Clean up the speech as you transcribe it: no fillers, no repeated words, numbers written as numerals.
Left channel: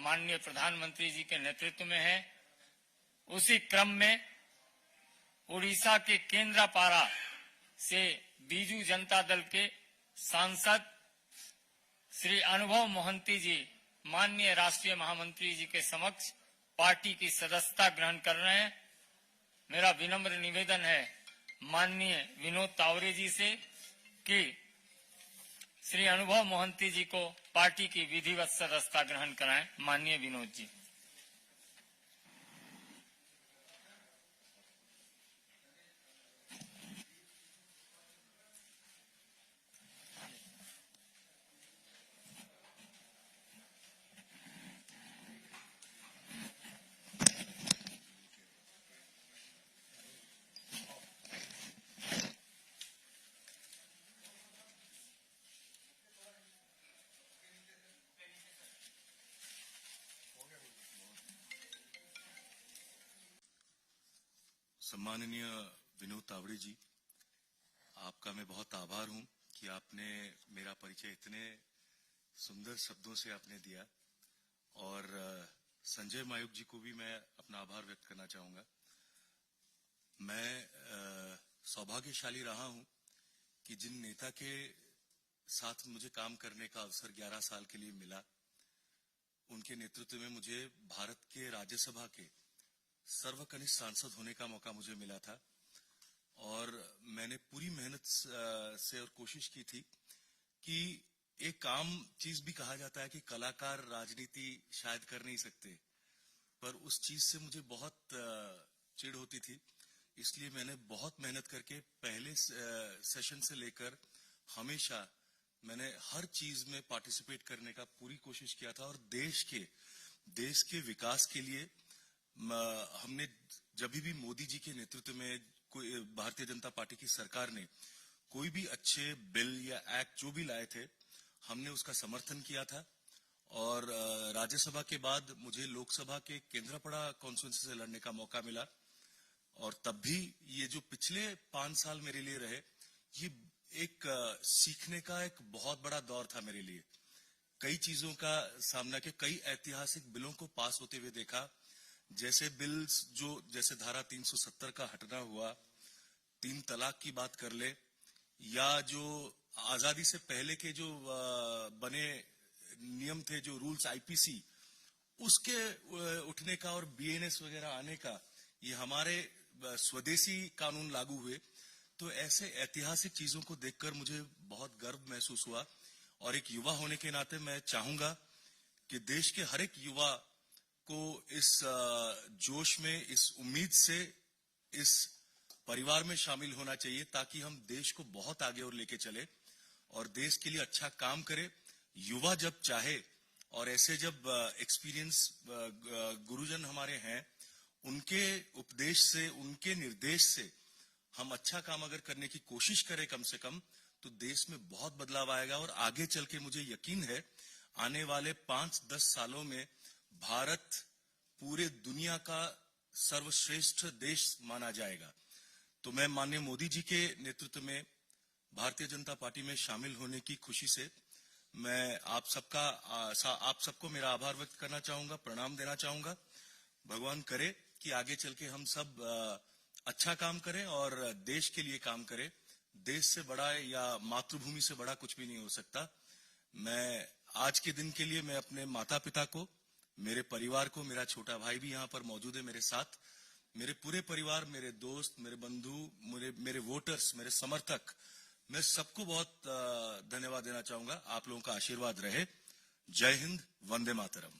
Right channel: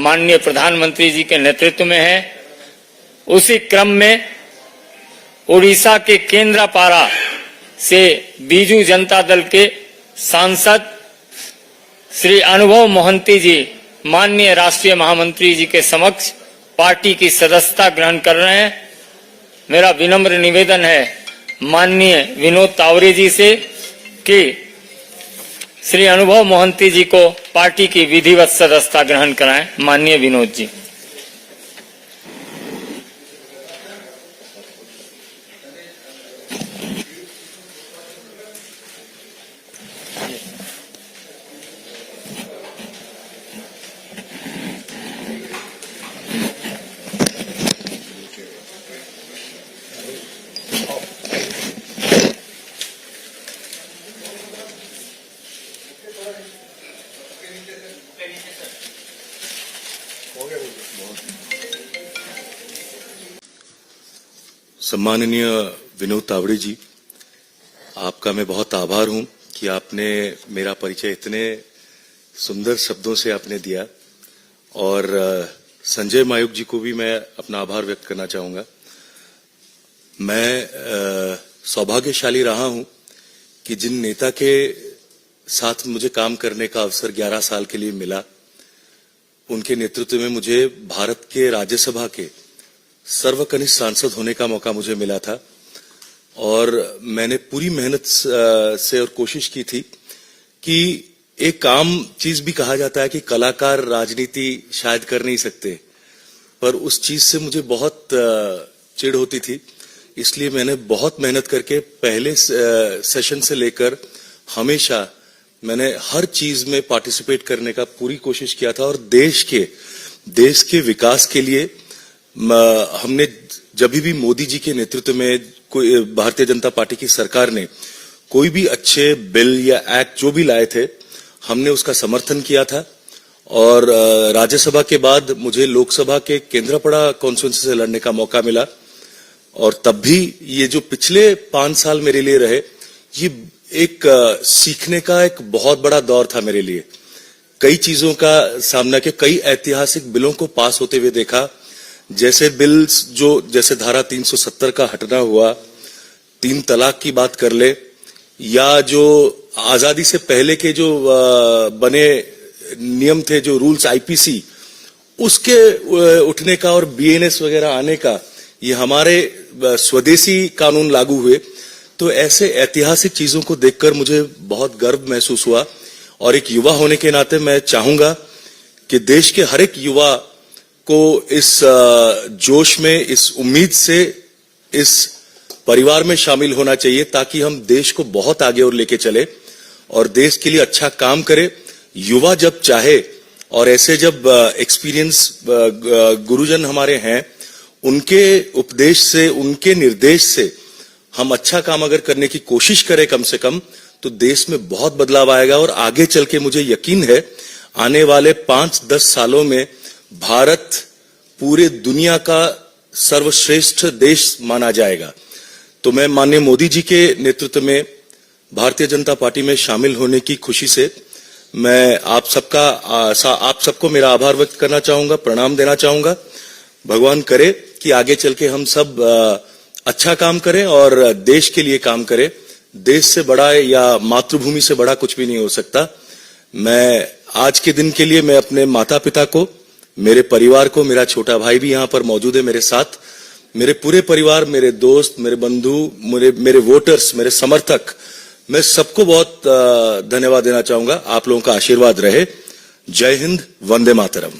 माननीय प्रधानमंत्री जी के नेतृत्व में है। उसी क्रम में उड़ीसा के केंद्रापाड़ा से बीजू जनता दल के सांसद श्री अनुभव मोहंती जी माननीय राष्ट्रीय महामंत्री जी के समक्ष पार्टी की सदस्यता ग्रहण कर रहे हैं। मेरा विनम्र निवेदन है माननीय विनोद तावरे जी से कि श्री अनुभव मोहंती जी को पार्टी की विधिवत सदस्यता ग्रहण कराएं। माननीय विनोद जी। सम्माननीय विनोद तावड़े जी, आपका मैं बहुत आभार हूं कि आपने मेरा परिचय इतने सुंदर शब्दों से आपने दिया। और संजय मायूख जी को भी मैं अपना आभार व्यक्त करना चाहूंगा। मैं सौभाग्यशाली रहा हूं कि जिन नेता के साथ मुझे काम करने का अवसर 11 साल के लिए मिला, उनके नेतृत्व में मुझे भारत के राज्यसभा के सर्वकनिष्ठ सांसद होने का मौका मुझे मिला था। और मैंने पूरी मेहनत से और कोशिश की थी कि एक आम चीज भी कहा जाता है कि कलाकार राजनीति शायद कर नहीं सकते, पर उस चीज से मुझे बहुत चिढ़ होती थी। इसलिए मैंने बहुत मेहनत करके पहले सेशन से लेकर हमेशा मैंने हर चीज में पार्टिसिपेट करने का पूरी कोशिश किया था। और देश के विकास के लिए हमने जब भी मोदी जी के नेतृत्व में कोई भारतीय जनता पार्टी की सरकार ने कोई भी अच्छे बिल या एक्ट जो भी लाए थे, हमने उसका समर्थन किया था। और राज्यसभा के बाद मुझे लोकसभा के केंद्रापड़ा कॉन्स्टिट्यूएंसी से लड़ने का मौका मिला। और तब भी ये जो पिछले 5 साल मेरे लिए रहे, ये एक सीखने का एक बहुत बड़ा दौर था मेरे लिए। कई चीजों का सामना किया, कई ऐतिहासिक बिलों को पास होते हुए देखा। जैसे बिल्स जैसे धारा 370 का हटना हुआ, 3 तलाक की बात कर ले, या जो आजादी से पहले के जो बने नियम थे, जो रूल्स आईपीसी, उसके उठने का और बीएनएस वगैरह आने का, ये हमारे स्वदेशी कानून लागू हुए। तो ऐसे ऐतिहासिक चीजों को देखकर मुझे बहुत गर्व महसूस हुआ। और एक युवा होने के नाते मैं चाहूंगा कि देश के हर एक युवा को इस जोश में, इस उम्मीद से इस परिवार में शामिल होना चाहिए, ताकि हम देश को बहुत आगे और लेके चले और देश के लिए अच्छा काम करे। युवा जब चाहे, और ऐसे जब एक्सपीरियंस गुरुजन हमारे हैं, उनके उपदेश से, उनके निर्देश से हम अच्छा काम अगर करने की कोशिश करें कम से कम, तो देश में बहुत बदलाव आएगा। और आगे चल के मुझे यकीन है आने वाले 5-10 सालों में भारत पूरे दुनिया का सर्वश्रेष्ठ देश माना जाएगा। तो मैं माननीय मोदी जी के नेतृत्व में भारतीय जनता पार्टी में शामिल होने की खुशी से मैं आप सबको मेरा आभार व्यक्त करना चाहूंगा, प्रणाम देना चाहूंगा। भगवान करे कि आगे चल के हम सब अच्छा काम करें और देश के लिए काम करें। देश से बड़ा या मातृभूमि से बड़ा कुछ भी नहीं हो सकता। मैं आज के दिन के लिए मैं अपने माता पिता को, मेरे परिवार को, मेरा छोटा भाई भी यहाँ पर मौजूद है मेरे साथ, मेरे पूरे परिवार, मेरे दोस्त, मेरे बंधु, मेरे वोटर्स, मेरे समर्थक, मैं सबको बहुत धन्यवाद देना चाहूंगा। आप लोगों का आशीर्वाद रहे। जय हिंद, वंदे मातरम।